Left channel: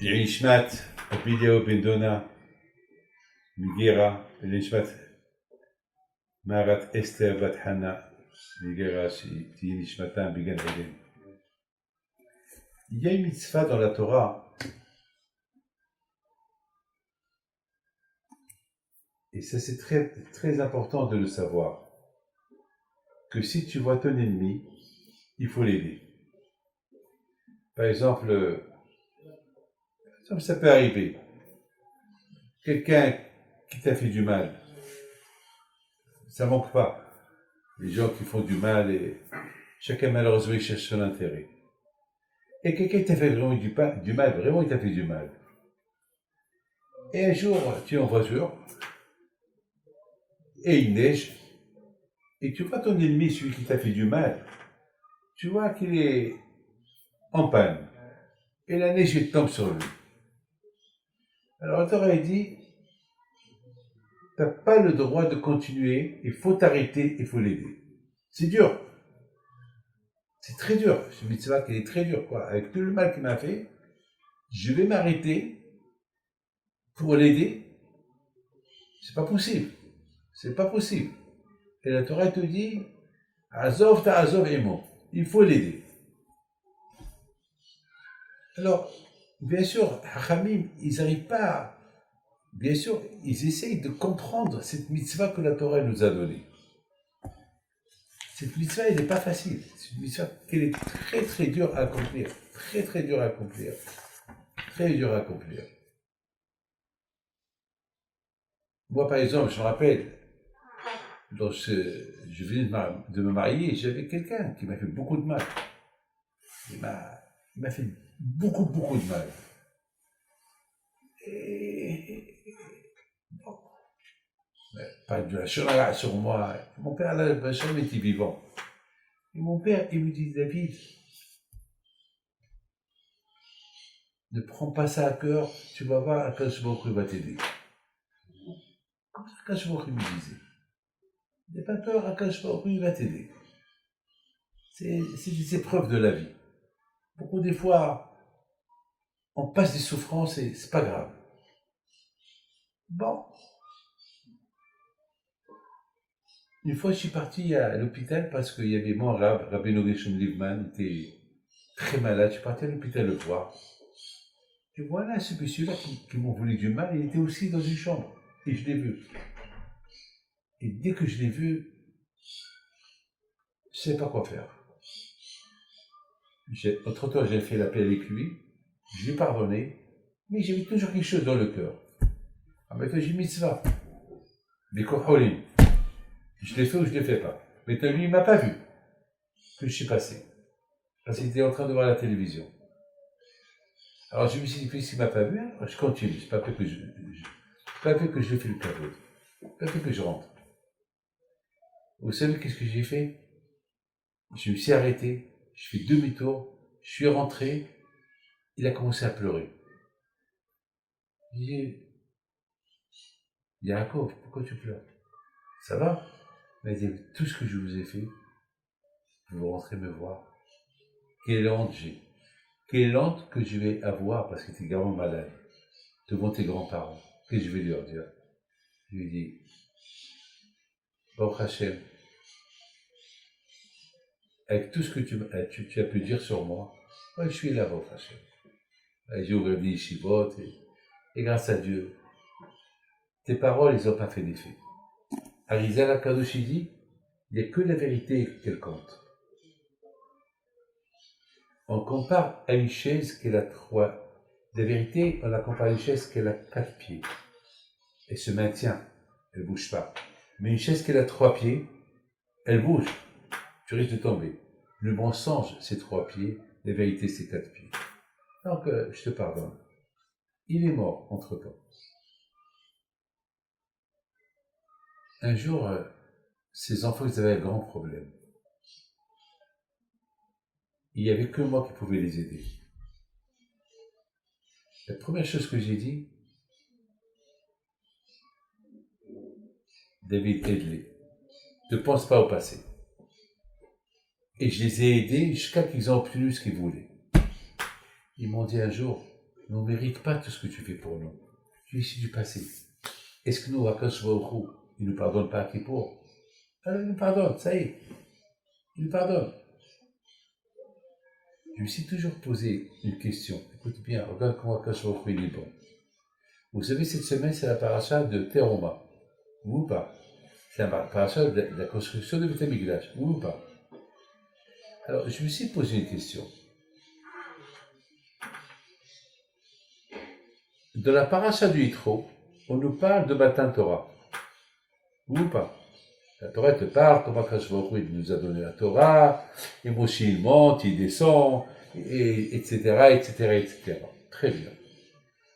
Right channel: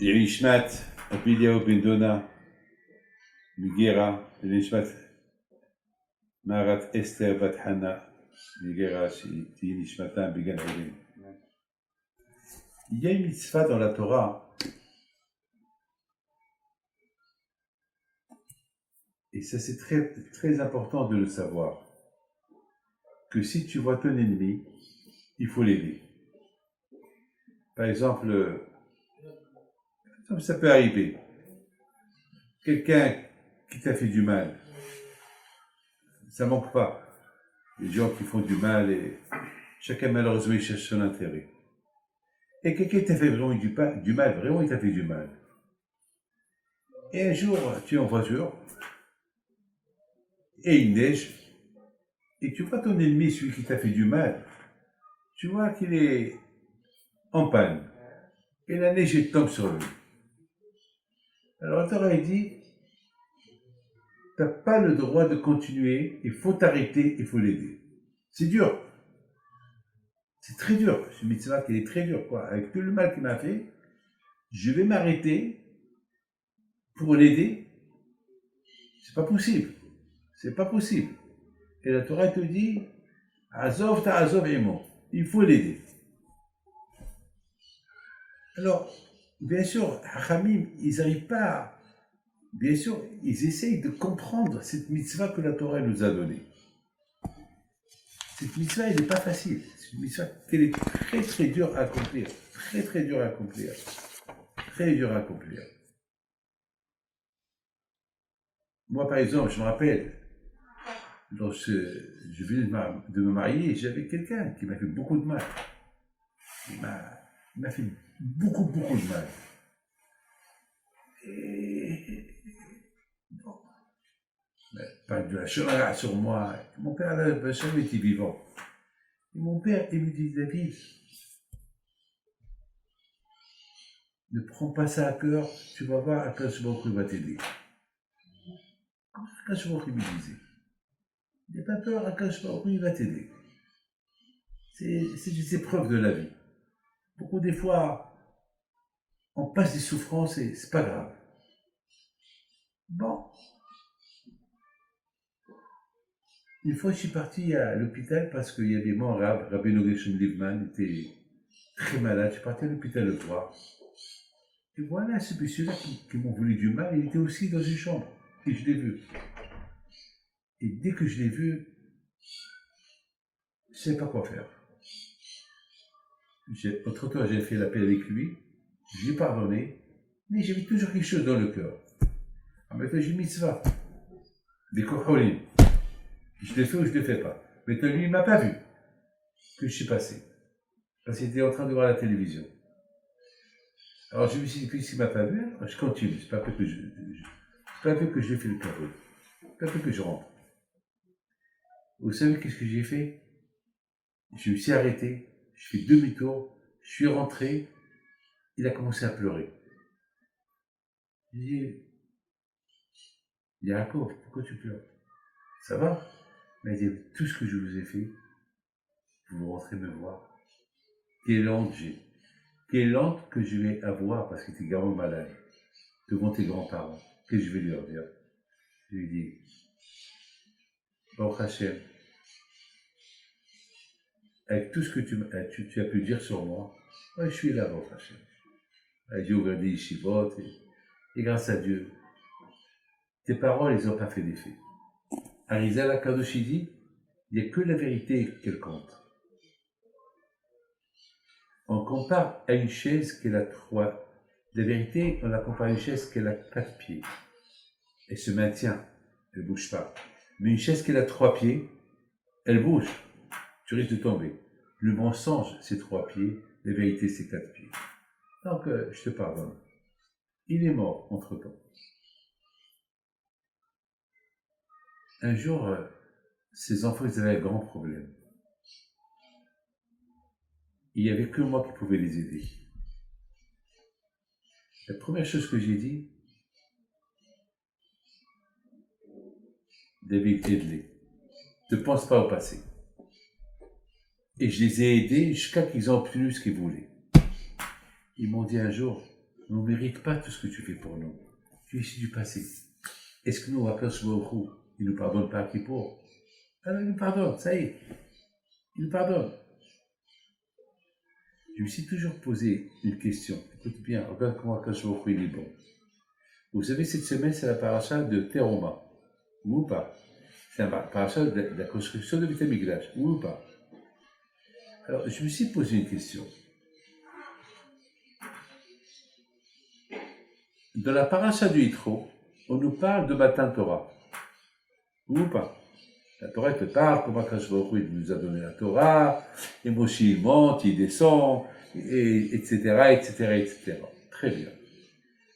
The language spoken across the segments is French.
يعيش مات وبيليا وبين دونا ميغيرا يعيش مات مارات استر بات حنا ميغيرا تيني شماتان بيغان عيدين. Il y a une mitzvah dans la Torah, et ça c'est très, très important de le savoir, que si tu vois ton ennemi, il faut l'aider. Par exemple, ça peut arriver, quelqu'un qui t'a fait du mal, ça manque pas, les gens qui font du mal, et chacun malheureusement il cherche son intérêt. Et quelqu'un t'a fait vraiment du mal, vraiment il t'a fait du mal. Et un jour, tu es en voiture, et il neige, et tu vois ton ennemi, celui qui t'a fait du mal, tu vois qu'il est en panne, et la neige elle tombe sur lui. Alors la Torah dit, t'as pas le droit de continuer, il faut t'arrêter, il faut l'aider. C'est dur. C'est très dur. Ce mitzvah qui est très dur, quoi. Avec tout le mal qu'il m'a fait, je vais m'arrêter pour l'aider. C'est pas possible. C'est pas possible. Et la Torah te dit, Azov ta Azov emo. Il faut l'aider. Alors, bien sûr, Hachamim, ils n'arrivent pas, bien sûr, ils essayent de comprendre cette mitzvah que la Torah nous a donnée. Cette mitzvah, elle n'est pas facile. C'est une mitzvah qu'elle est très très dure à accomplir. Très très dure à accomplir. Très dure à accomplir. Moi, par exemple, je me rappelle, lorsque je venais de me marier, j'avais quelqu'un qui m'a fait beaucoup de mal. Il m'a fait beaucoup de mal. Et bon, pas de la chorale sur moi. Mon père n'a jamais été vivant. Et mon père, il me dit, David, ne prends pas ça à cœur, tu vas voir, Akash Baruch Hu va t'aider. Comme ça, Akash Baruch Hu me disait. N'aie pas peur, Akash Baruch Hu va t'aider. C'est des épreuves de la vie. Beaucoup des fois, on passe des souffrances et c'est pas grave. Bon. Une fois, je suis parti à l'hôpital parce qu'il y avait mon Rabbi Nogeshon Livman, était très malade. Je suis parti à l'hôpital le voir. Et voilà, ce monsieur-là qui m'ont voulu du mal, il était aussi dans une chambre. Et je l'ai vu. Et dès que je l'ai vu, je ne savais pas quoi faire. Entre-temps, j'ai fait la paix avec lui. Je lui ai pardonné. Mais j'avais toujours quelque chose dans le cœur. En même temps, j'ai mis mitzvah. Des koholim. Je l'ai fait ou je ne le fais pas. Mais lui, il ne m'a pas vu que je suis passé. Parce qu'il était en train de voir la télévision. Alors je me suis dit, puisqu'il ne m'a pas vu, alors je continue. C'est pas peu que je lui fais le cadeau. C'est pas peu que je rentre. Vous savez qu'est-ce que j'ai fait? Je me suis arrêté, je fais demi-tour, je suis rentré, il a commencé à pleurer. Je dis, Yaakov, pourquoi tu pleures? Ça va? Il m'a dit, tout ce que je vous ai fait, vous rentrez me voir. Quelle honte j'ai. Quelle honte que je vais avoir parce que tu es gravement malade, devant tes grands-parents. Qu'est-ce que je vais leur dire? Je lui ai dit, Baruch Hashem, avec tout ce que tu as pu dire sur moi, ouais, je suis là, Baruch Hashem. J'ai ouvert des yeshivot et grâce à Dieu, tes paroles, ils n'ont pas fait d'effet. Arizal Akadosh dit, il n'y a que la vérité qu'elle compte. On compare à une chaise qu'elle a 3. La vérité, on la compare à une chaise qu'elle a 4 pieds. Elle se maintient, elle ne bouge pas. Mais une chaise qu'elle a 3 pieds, elle bouge. Tu risques de tomber. Le mensonge, c'est 3 pieds. La vérité, c'est 4 pieds. Donc, je te pardonne. Il est mort entre-temps. Un jour, ses enfants, ils avaient un grand problème. Il n'y avait que moi qui pouvais les aider. La première chose que j'ai dit, David, aide-les. Ne pense pas au passé. Et je les ai aidés jusqu'à qu'ils ont obtenu ce qu'ils voulaient. Ils m'ont dit un jour, on ne mérite pas tout ce que tu fais pour nous. Tu es ici du passé. Est-ce que nous, à Koswaoukou, il ne nous pardonne pas à Kippour? Alors il nous pardonne, ça y est. Il nous pardonne. Je me suis toujours posé une question. Écoute bien, regarde comment Koswaoukou il est bon. Vous savez, cette semaine, c'est la paracha de Teroma. Ou pas? C'est la paracha de la construction de Beth Amikdash. Ou pas? Alors, je me suis posé une question. Dans la paracha du Yitro, on nous parle de Matan Torah. Ou pas? La Torah te parle, comment Akash Baruch Hu, il nous a donné la Torah, et Moshe il monte, il descend, etc., etc., etc. Très bien.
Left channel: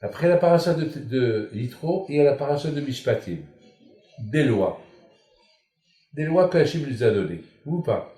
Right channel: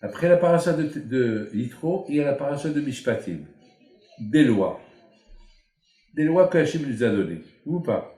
Après la paracha de Yitro, il y a la paracha de Mishpatim, des lois. Des lois que Hachem nous a données. Ou pas?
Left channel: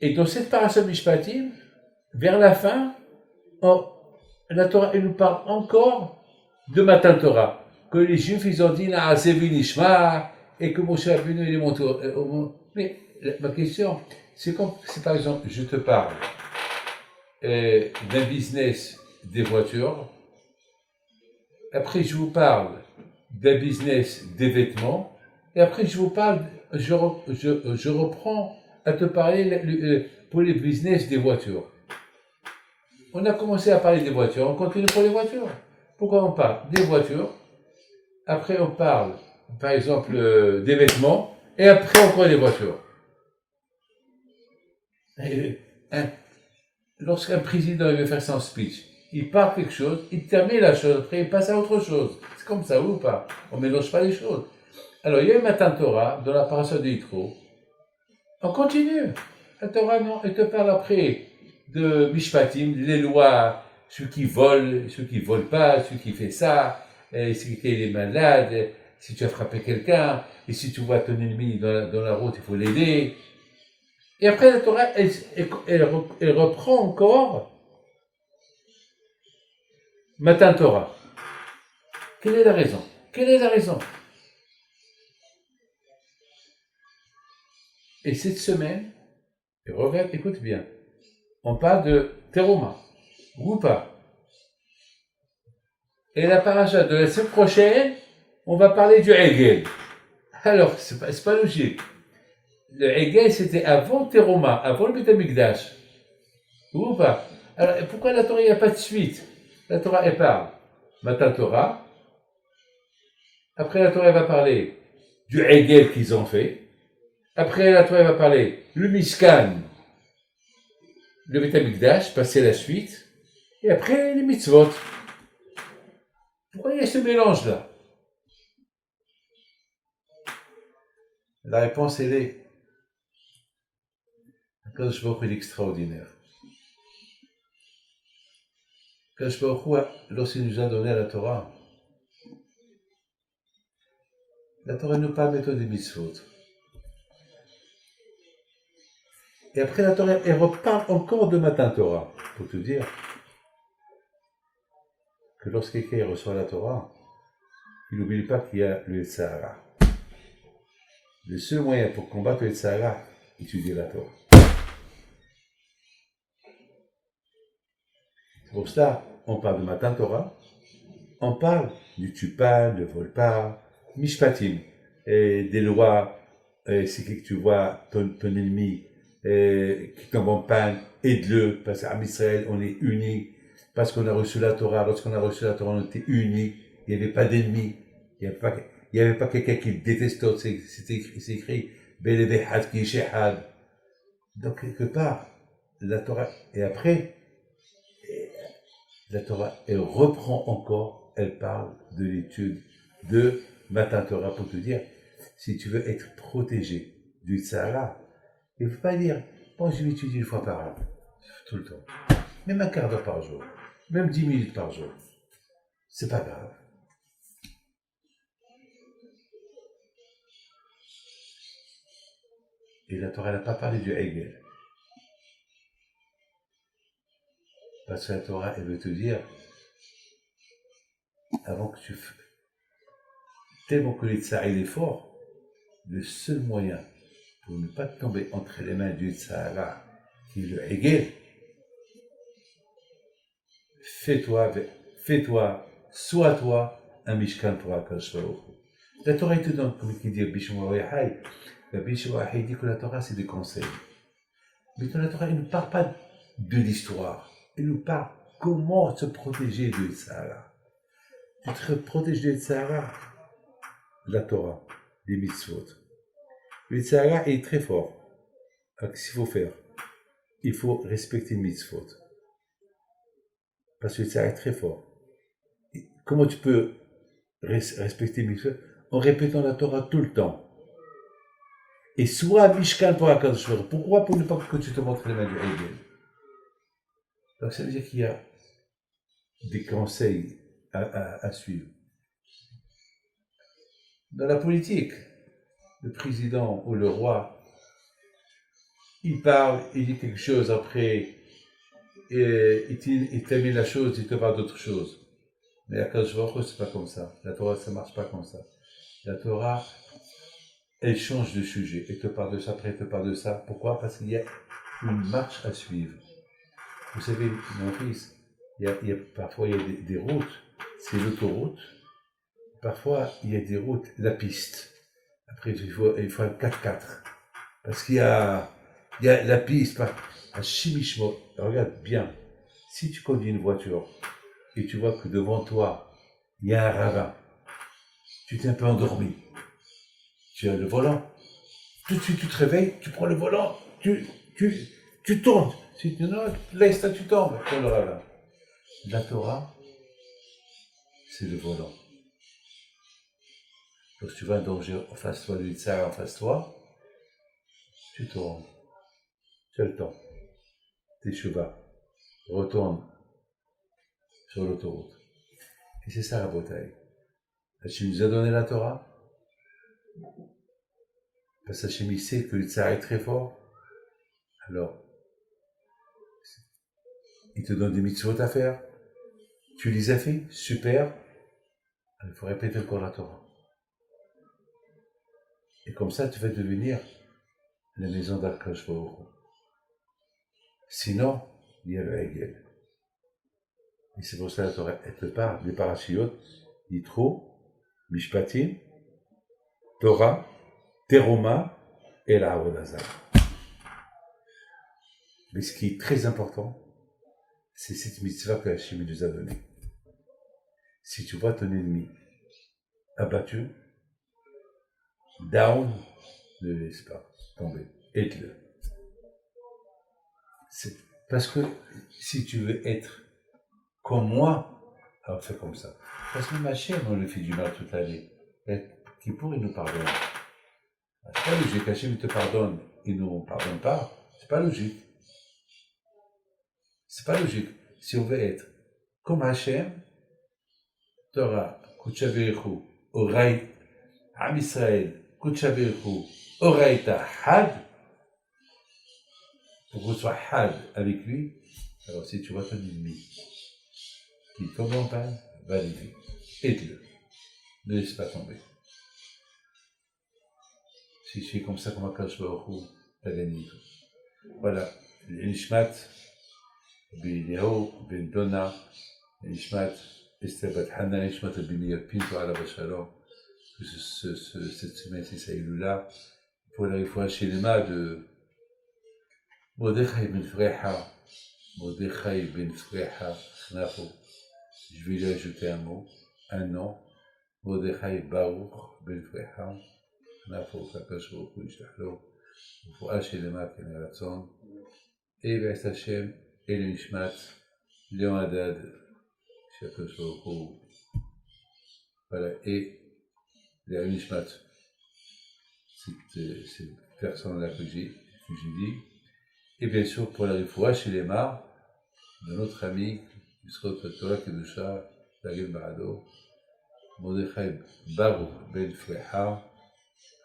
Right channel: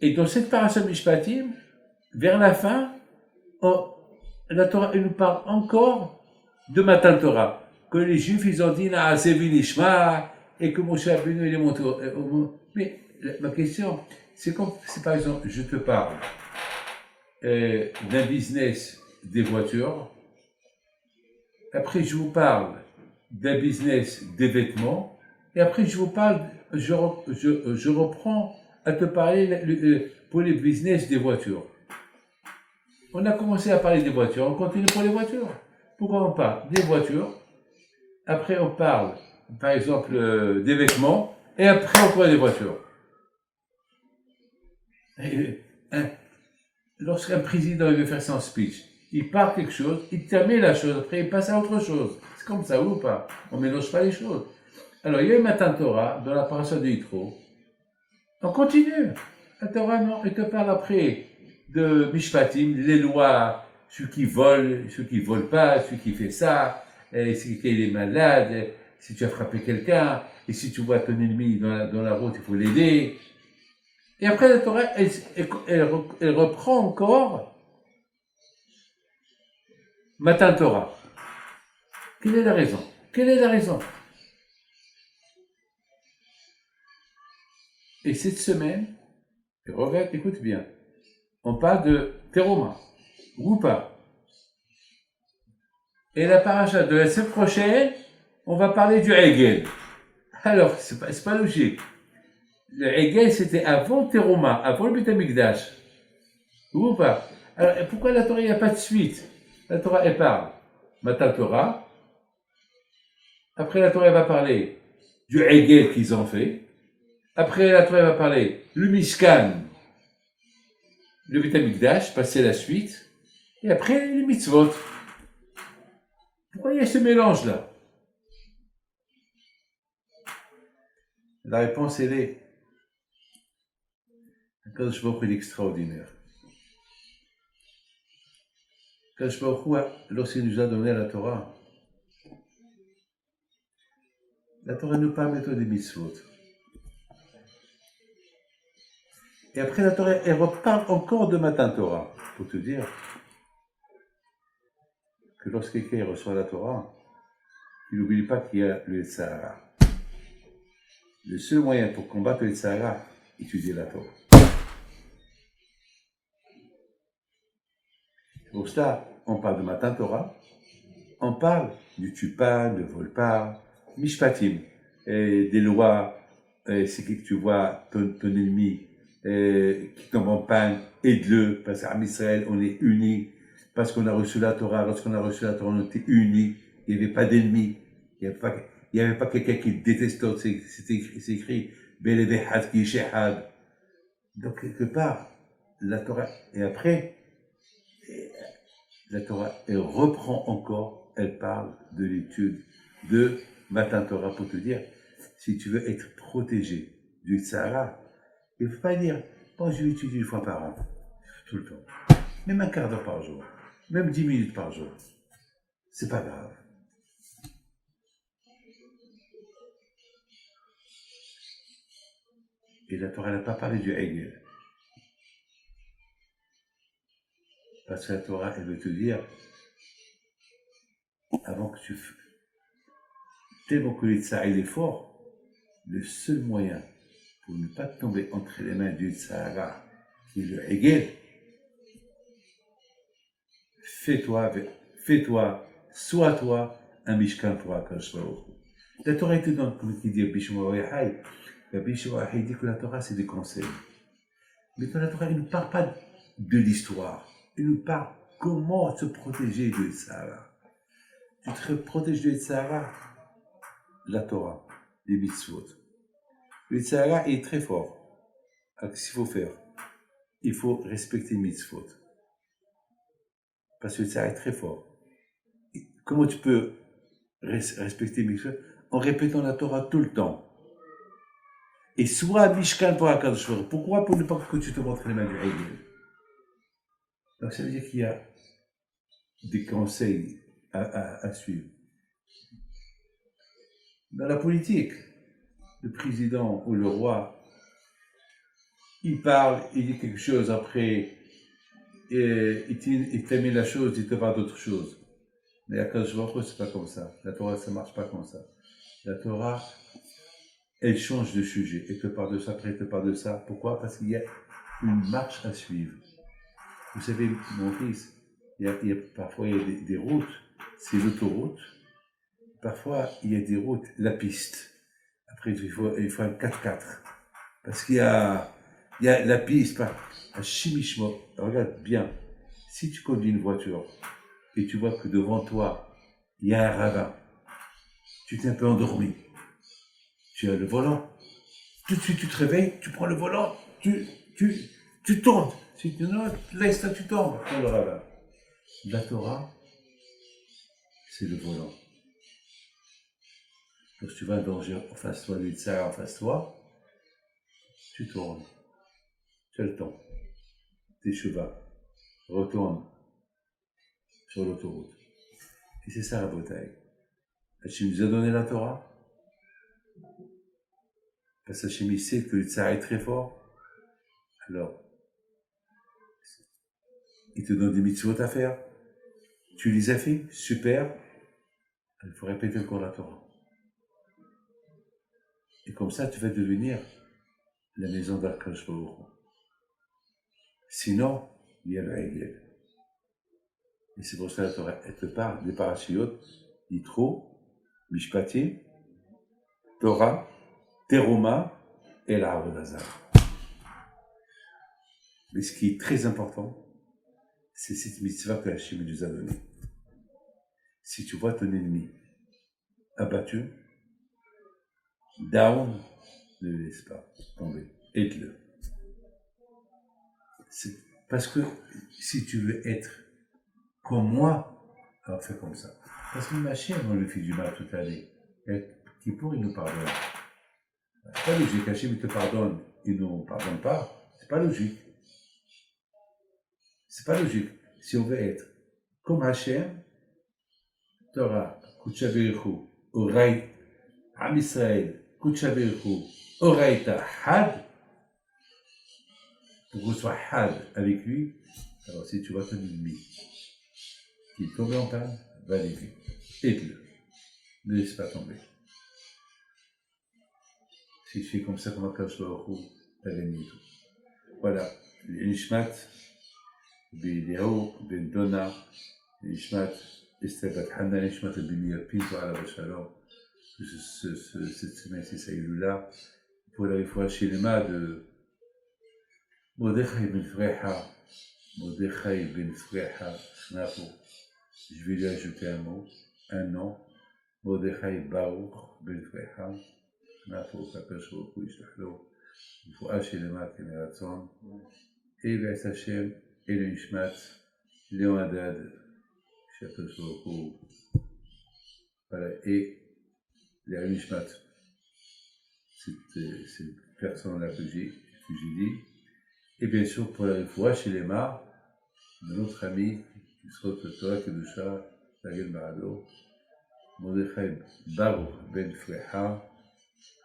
Et dans cette paracha de Mishpatim, vers la fin, la Torah, elle nous parle encore de Matan Torah, que les Juifs, ils ont dit, là, c'est Vinishma, et que Moshe Rabbeinu, il est monté mais ma question, c'est comme, si par exemple, je te parle d'un business des voitures, après je vous parle d'un business des vêtements, et après je vous parle, je reprends à te parler pour les business des voitures. On a commencé à parler des voitures, on continue pour les voitures. Pourquoi on parle des voitures? Après, on parle, par exemple, des vêtements, et après, on parle des voitures. Lorsqu'un président veut faire son speech, il parle quelque chose, il termine la chose, après, il passe à autre chose. C'est comme ça, ou pas? On ne mélange pas les choses. Alors, il y a eu Matan Torah, dans la paracha de Yitro. On continue. La Torah, non, elle te parle après de Mishpatim, les lois, ceux qui volent, ceux qui ne volent pas, ceux qui font ça, et si tu es malade, si tu as frappé quelqu'un, et si tu vois ton ennemi dans la route, il faut l'aider. Et après, la Torah, elle reprend encore Matan Torah. Quelle est la raison? Quelle est la raison? Et cette semaine, regarde, écoute bien, on parle de Teroma, ou pas? Et la paracha de la semaine prochaine, on va parler du Hegel. Alors, c'est pas logique. Le Hegel, c'était avant Teroma, avant le Beth Amikdash. Ou pas? Alors, pourquoi la Torah, il n'y a pas de suite? La Torah, elle parle Matan Torah. Après, la Torah, elle va parler du Hegel qu'ils ont fait. Après, la Torah, elle va parler le Mishkan, le Beth Amikdash, passer la suite. Et après, les mitzvot. Pourquoi il y a ce mélange-là? La réponse, elle est Akadosh Baruch Hu est extraordinaire. Akadosh Baruch Hu, lorsqu'il nous a donné la Torah nous parle maintenant des mitzvot. Et après la Torah, elle reparle encore de Matan Torah, pour te dire que lorsque quelqu'un reçoit la Torah, il n'oublie pas qu'il y a le Sahara. Le seul moyen pour combattre le Sahara, étudier la Torah. Pour cela, on parle de Matan Torah, on parle du tu pas, ne vole pas, Mishpatim, des lois, c'est que tu vois ton ennemi qui tombe en panne, aide-le, parce qu'à Israël, on est unis, parce qu'on a reçu la Torah, lorsqu'on a reçu la Torah, on était unis, il n'y avait pas d'ennemis, il n'y avait pas quelqu'un qui déteste l'autre, c'est écrit, Belevehad ki shehad. Donc, quelque part, la Torah, et après, la Torah, elle reprend encore, elle parle de l'étude de Matan Torah pour te dire, si tu veux être protégé du Sahara, il ne faut pas dire, bon, je vais étudier une fois par an, tout le temps, même un quart d'heure par jour, même 10 minutes par jour. C'est pas grave. Et la Torah n'a pas parlé du Hegel. Parce que la Torah, elle veut te dire, avant que tu... Tellement que le Tzahar, il est fort, le seul moyen pour ne pas tomber entre les mains du Sahara, qui est le Hegel, fais-toi, sois toi, un Mishkan pour Akash Baruch Hu. La Torah te donne, comme il dit Bishmo Yahai, Bishmo Yahai dit que la Torah c'est des conseils. Mais dans la Torah, il ne parle pas de l'histoire, il nous parle comment se protéger du Sahara. Tu te protèges du Sahara, la Torah, les mitzvot. Le Sahara est très fort. Alors qu'est-ce qu'il faut faire? Il faut respecter les mitzvot. Parce que le Sahara est très fort. Et comment tu peux respecter les mitzvot? En répétant la Torah tout le temps. Et soit Mishkan pour Akadosh Baruch Hu. Pourquoi? Pour ne pas que tu te montres les mains du Hegel. Donc ça veut dire qu'il y a des conseils à suivre. Dans la politique, le président ou le roi, il parle, il dit quelque chose, après, il termine la chose, il te parle d'autre chose. Mais à Akadosh Baruch Hu, c'est pas comme ça. La Torah, ça marche pas comme ça. La Torah, elle change de sujet. Elle te parle de ça, après elle te parle de ça. Pourquoi? Parce qu'il y a une marche à suivre. Vous savez, mon fils, parfois il y a des routes, c'est l'autoroute. Parfois, il y a des routes, la piste. Après, il faut un 4x4. Parce qu'il y a la piste, à Chimichmo. Regarde bien, si tu conduis une voiture et tu vois que devant toi, il y a un ravin, tu t'es un peu endormi, tu as le volant, tout de suite tu te réveilles, tu prends le volant, tu tournes. Si tu non, laisse ça, tu tombes dans le ravin. La Torah, c'est le volant. Lorsque tu vas un danger en face de toi, du tsar en face de toi, tu tournes. Tu as le temps. Teshuva, retourne sur l'autoroute. Et c'est ça la bataille. Hachem nous a donné la Torah. Parce que Hachem sait que le tsar est très fort. Alors, il te donne des mitzvot à faire. Tu les as fait, super. Il faut répéter encore la Torah. Et comme ça, tu vas devenir la maison d'Akadosh Baruch Hu. Sinon, il y a le Hegel. Et c'est pour ça que la Torah, elle te parle des parashiot, Yitro, Mishpatim, Torah, Teruma et la Avodazar. Mais ce qui est très important, c'est cette mitzvah que Hachem nous a donnée. Si tu vois ton ennemi abattu, down, ne le laisse pas tomber, aide-le. C'est parce que si tu veux être comme moi, alors fais comme ça. Parce que ma chaîne, on le fait du mal toute l'année. Qui pourrait nous pardonner? C'est pas logique. Hachem te pardonne et ne nous pardonne pas. C'est pas logique. C'est pas logique. Si on veut être comme Hachem, Torah, Kuchavichu, Oray, Am Israël, Kuchavichu, Oraita, Had, pour qu'on soit Had avec lui, alors si tu vois ton ennemi qui tombe en panne, va l'aider. Aide-le. Ne laisse pas tomber. Si tu es comme ça, comme Akadosh Baruch Hu, tu as gagné tout. Voilà. L'Ishmat, Ben Léo, Ben Donna, l'Ishmat, Esther Bat Hana, l'Ishmat, Ben Meir Pinto, Alav Shalom. Cette semaine, c'est Saïloula. Pour la fois chez les mains de Mordechai Ben Freha, Mordechai Ben Freha, Nafo. Je vais lui ajouter un mot, un nom. Mordechai Baruch Ben Freha. נהפוך הקדוש ברוך הוא ישלח לו רפואה שלמה כן רצון בעזרת השם אלה נשמת ליאון הדד שהקדוש ברוך הוא et les nishmat cette personne là que j'ai dit et bien sûr pour la riphoua chez les mains de notre ami qui sera Torah Kedusha Dagel Barado Mordechai Baruch Ben Freha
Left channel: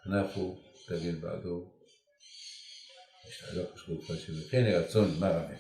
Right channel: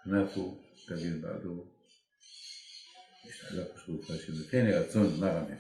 נפו, תגיד בעדו, יש לה לא פשוט, כן, רצון, מה רמי.